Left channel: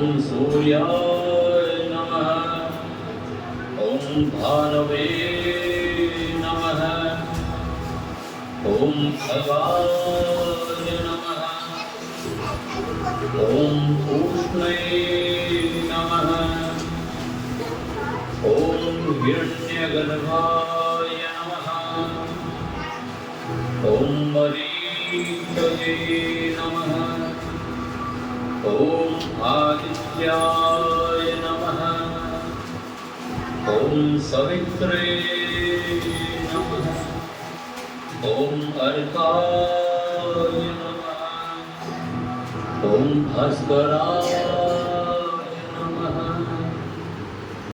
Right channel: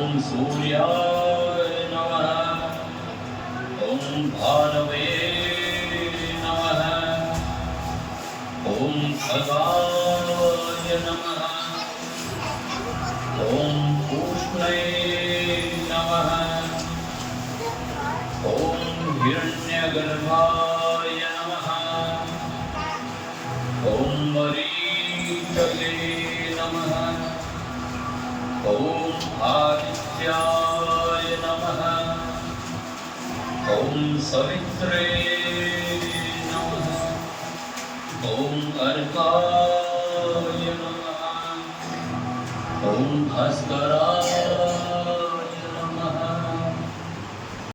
ॐ सूर्याय नमः। ॐ भानवे नमः। ॐ खगाय नमः। ॐ पूष्णे नमः। ॐ हिरण्यगर्भाय नमः। ॐ मरीचये नमः। ॐ आदित्याय नमः। ॐ सवित्रे नमः। ॐ अर्काय नमः। ॐ भास्कराय